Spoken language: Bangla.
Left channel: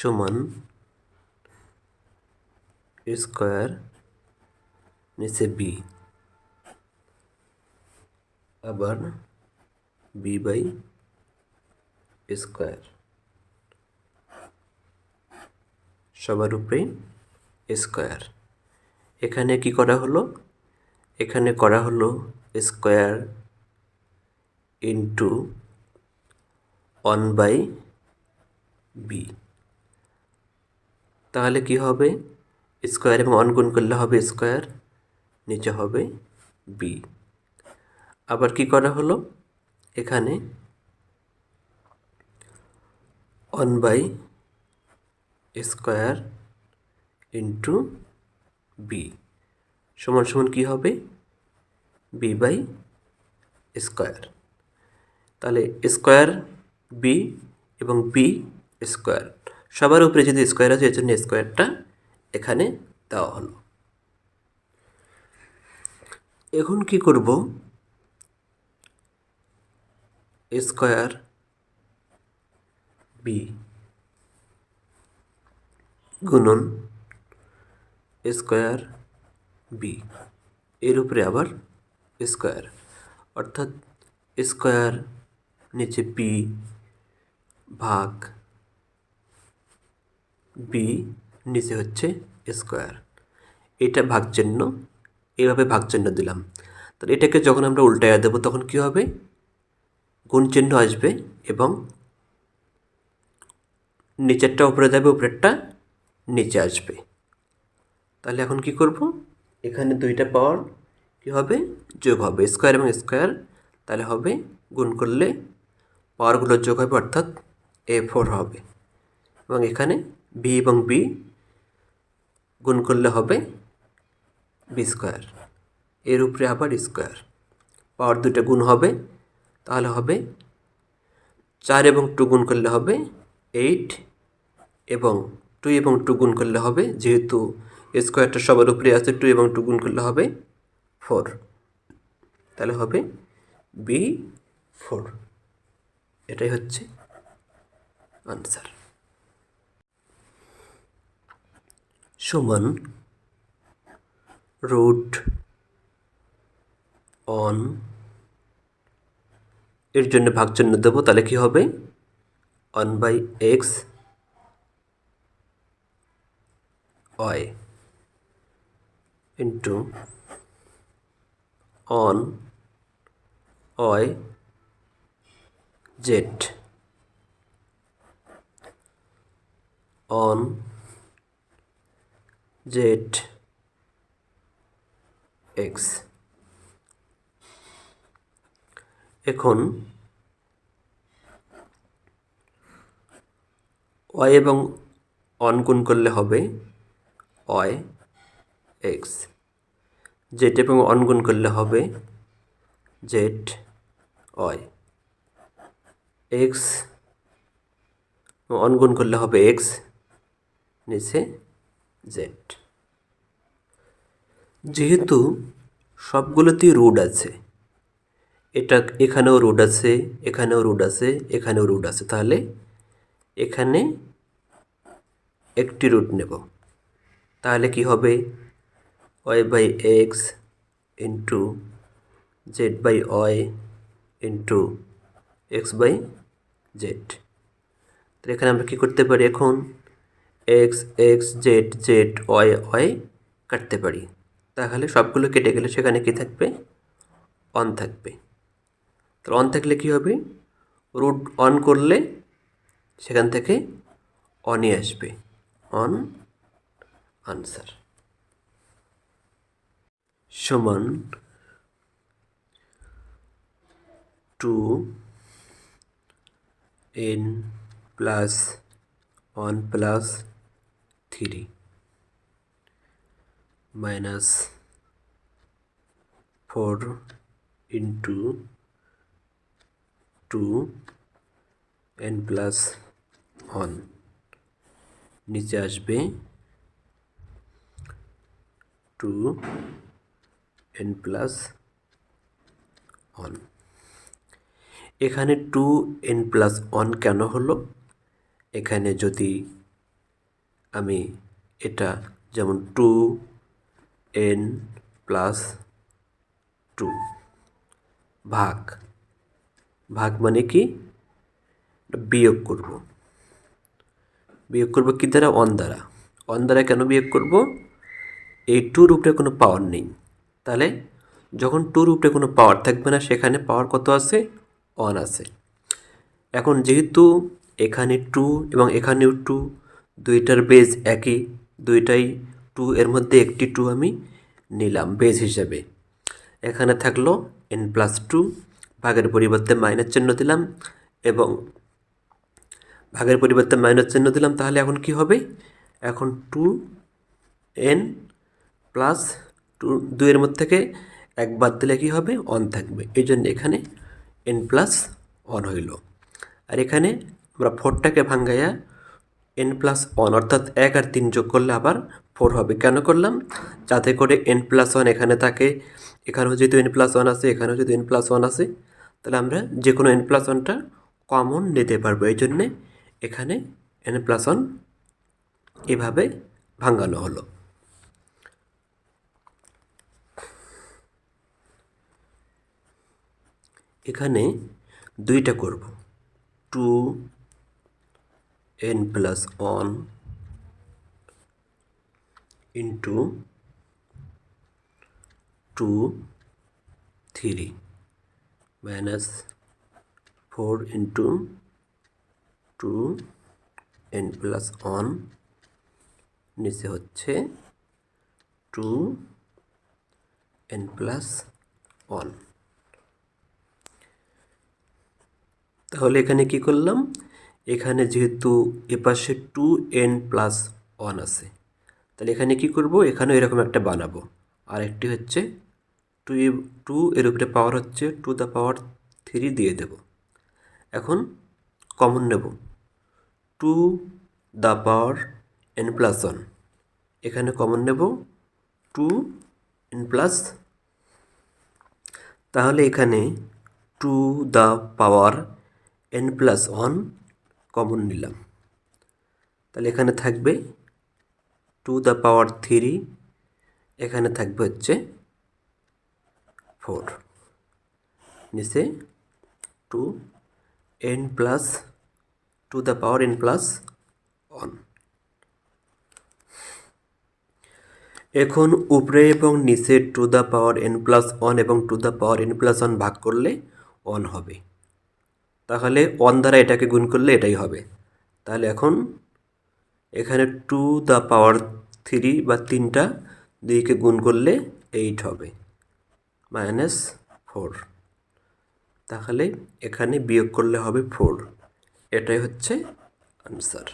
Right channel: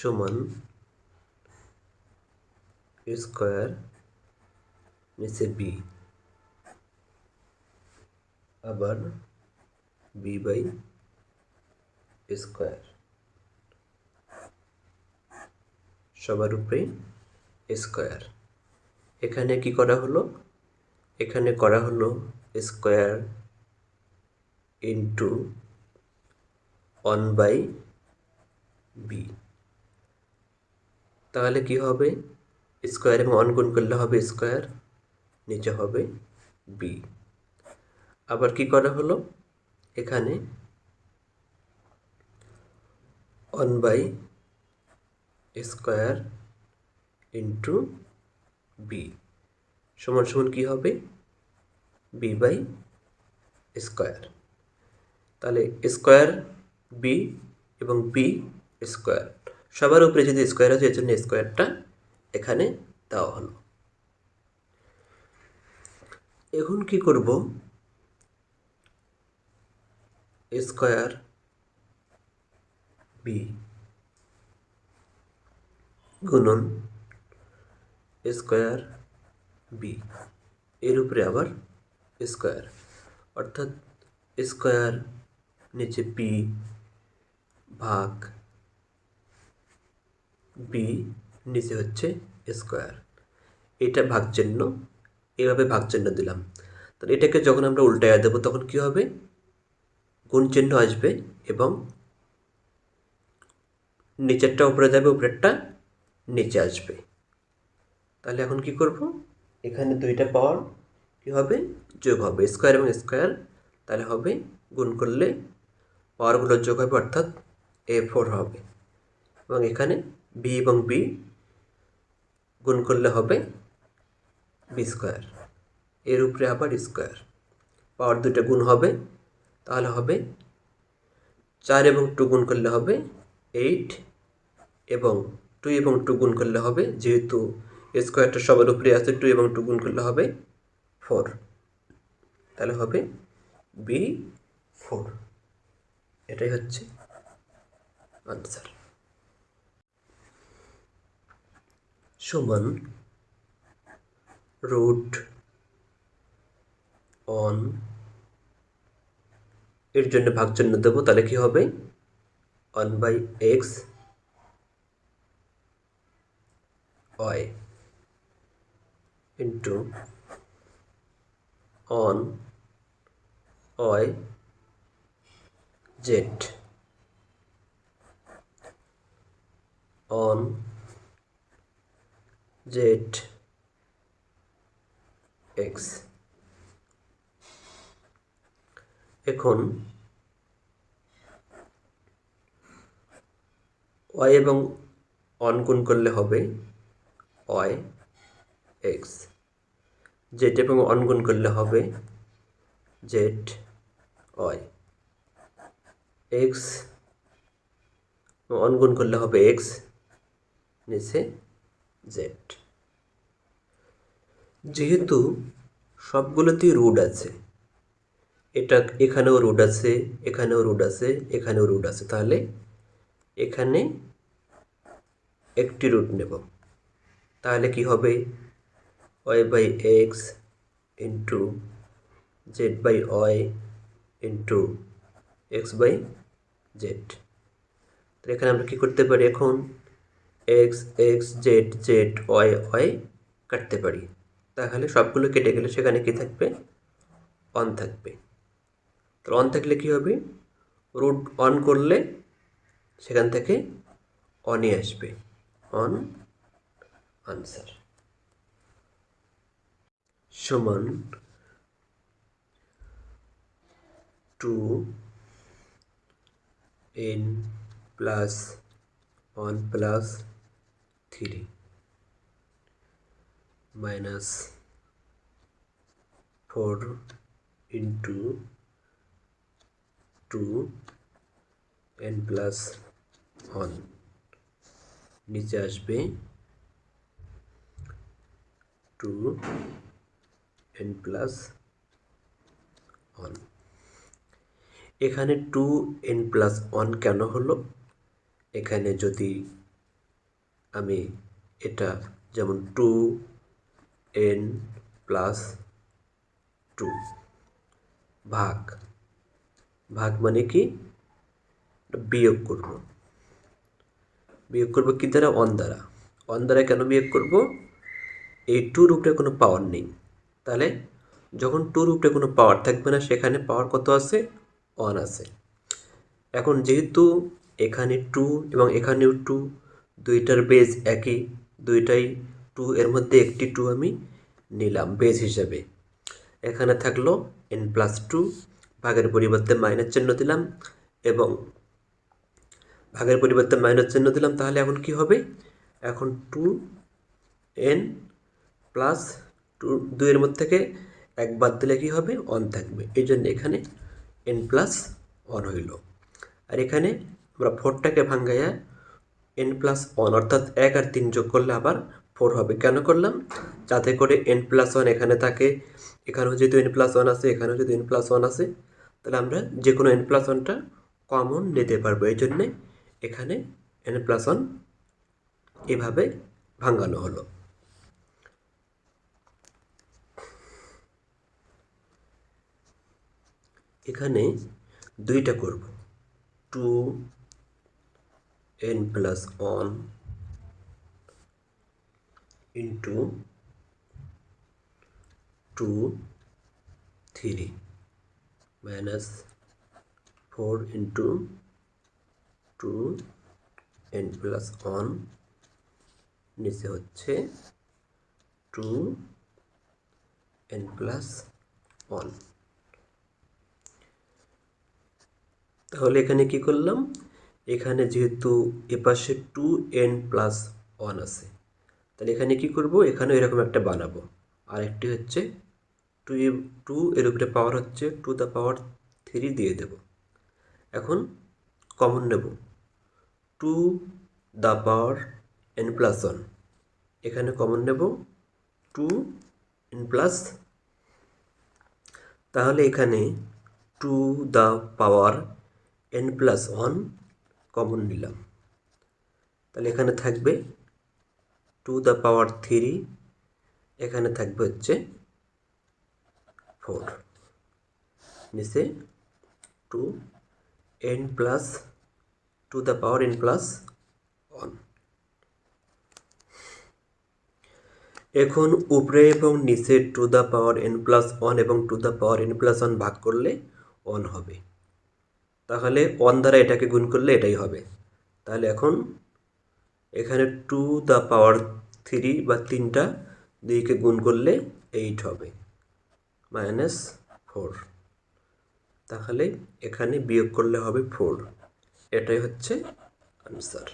সমান স্কোয়ার নিচে বি, আবার বি বাই স্কোয়ার সবার উপরে স্কোয়ার। এখানে কি করা হলো? এখানে করা হলো স্কোয়ার ইন্টু 1/b। তাহলে কি হবে? স্কোয়ার এবং 1 গুণ করলে হবে স্কোয়ার, নিচে হবে বি। আবার কি করা হলো? এখানে 1/স্কোয়ার ইন্টু বি সমান সমান কী হবে? B by square. তাহলে স্কোয়ার বি এবং বি স্কোয়ার সবার উপরে যদি স্কোয়ার আছে, এর জন্য স্কোয়ারটা এখানে দেওয়া হলো। এখন কি করব? স্কোয়ার বি গুণন স্কোয়ার বি এর উপরে আবার স্কোয়ার, অর্থাৎ স্কোয়ার নিচে বি ভাগ বি নিচে হচ্ছে স্কোয়ার। এটা ভাগচিহ্ন, এইভাবে ভাগচিহ্ন দিলাম। তাহলে এটাকে যখন আমরা উল্টাইয়া দেবো তখন কি হবে? গুণ চিহ্ন আসবে এবং নিচেরটা উপরে যাবে, উপরেরটা নিচে আসবে। তাহলে এখন কি করব? এখানে দুইটা পাওয়ার কি হবে? যোগ হবে, স্কোয়ার এবং স্কোয়ার। তাহলে হবে গুণ করলে পাওয়ারগুলো যোগ হবে, অর্থাৎ a4 হবে। এবং এখানে বি এবং বি গুণ করলে হবে বি স্কোয়ার, এর উপরে আবার স্কোয়ার। পাওয়ার দুটো গুণ হবে, তাহলে হবে 4 এবং 2 গুণ করলে হবে 8, এবং 2 এবং 2 গুণ করলে হবে, যেহেতু স্কোয়ারটা সবার উপরে আছে, 2 এবং 2 গুণ করলে হবে 4। তাহলে হবে B4। এটাই হচ্ছে আনসার। সমান রুট অন, এর জন্য ভাগচিহ্ন দেবো। তাহলে কি হবে? 1/x y into on y z on z x। এখন y এবং অন গুণ করলে হবে y x, z এবং অন গুণ করলে হবে z y, x অন গুণ করলে হবে x, নিচে z। যেহেতু সবগুলোতেই রুট আছে, এটা এখানেও রুট আছে, এখানেও রুট আছে, এখানেও রুট আছে, তাহলে এখানে একটি রুট নেব। তাহলে কি হবে? y/x into z/y into x/z। তো এখানে আমরা কী করতে পারি? এখন x x z z y y কাটতে পারি। তাহলে সবগুলো কেটে গেলে সেখানে কি থাকবে? অন থাকবে। তো অন থাকলে কী হবে? রুট অন করলে সেখান থেকে অনই আসবে, অন আনসার। সমান 2n plus 1 plus 3 minus 4 into 2n plus 1 নিচে আসবে 2n প্লাস 1। এখানে 2n প্লাস 1 কেন হলো? এখানে যদি আমি এটা যেমন 2n+2 ভাগ ভাগ মানে কি বিয়োগ করব কি দ্বারা 1 দ্বারা 1 দ্বারা কেন বিয়োগ করব এই 2 রূপে কোনো পাওয়ার নেই তাহলে যখন 2 রূপে কোনো পাওয়ার থাকবে না সেখানে পাওয়ার কত আছে 1 আছে এখন যেহেতু এখানে 2 এবং এখানেও 2 দুইটার বেজ একই দুইটাই 2 এর মধ্যে একটি 2 আমি নিলাম বেজ হিসাবে এখানে থাকলো n+2 ভাগের পরিবর্তে মাইনাস চিহ্ন দিলাম এবং ভাগের পরিবর্তে মাইনাস চিহ্ন দিলাম তাহলে এখন কি হবে এখন 2n+2 2 এর মধ্যে থেকে 1 বাদ দিলে কি হবে 1 থাকবে এই জন্য এখানে n+1 হইল আর এখানে আমরা 4টাকে ভাঙ্গাইয়া n+1 অর্থাৎ 1 আর 3 যোগ করলে আবার 4 হবে কেন করলাম যাতে করে n+1 এখানে থাকে এখানেও যেহেতু n+1 আছে এখানেও যদি n+1 আছে তাহলে আমরা যে কোনো n+1টা কমন নিতে পারবো এই জন্যে এখানে n+1 এভাবে ভাঙানো হলো এখানে দুইটা করব 2n+1 into 2 3 minus 4 into 2n+1 নিচে হচ্ছে 2n+1 তাহলে এখানে কি করলাম এখানে যেহেতু এপাশে 2n+1 আছে তাহলে এখানে কি করব এখানে এরকম একটা বানাবো আর একটি হচ্ছে 2 এর উপরে পাওয়ার হচ্ছে 2^3 দিয়ে দেব এখন কমন নেব 2n+1 এখানে কমন নেব 2n+, তাহলে এখানে 2n+1 কমন নিলাম তাহলে এখানে থাকবে 2^3 এখানে থাকবে হচ্ছে 4 নিচে 2n+1 এখন উপরে এবং নিচে 2n+1 এবং 2n+1 ভাগ করলে 1 হবে তাহলে 1 দ্বারা এটাকে গুণ করলে এটাই হবে তাহলে এখন এখানে 2^3 বা 3টা 2কে গুণ করলে 8 হবে -4 তাহলে এখানে বিয়োগ করলে হবে 4 এটাই হচ্ছে আনসার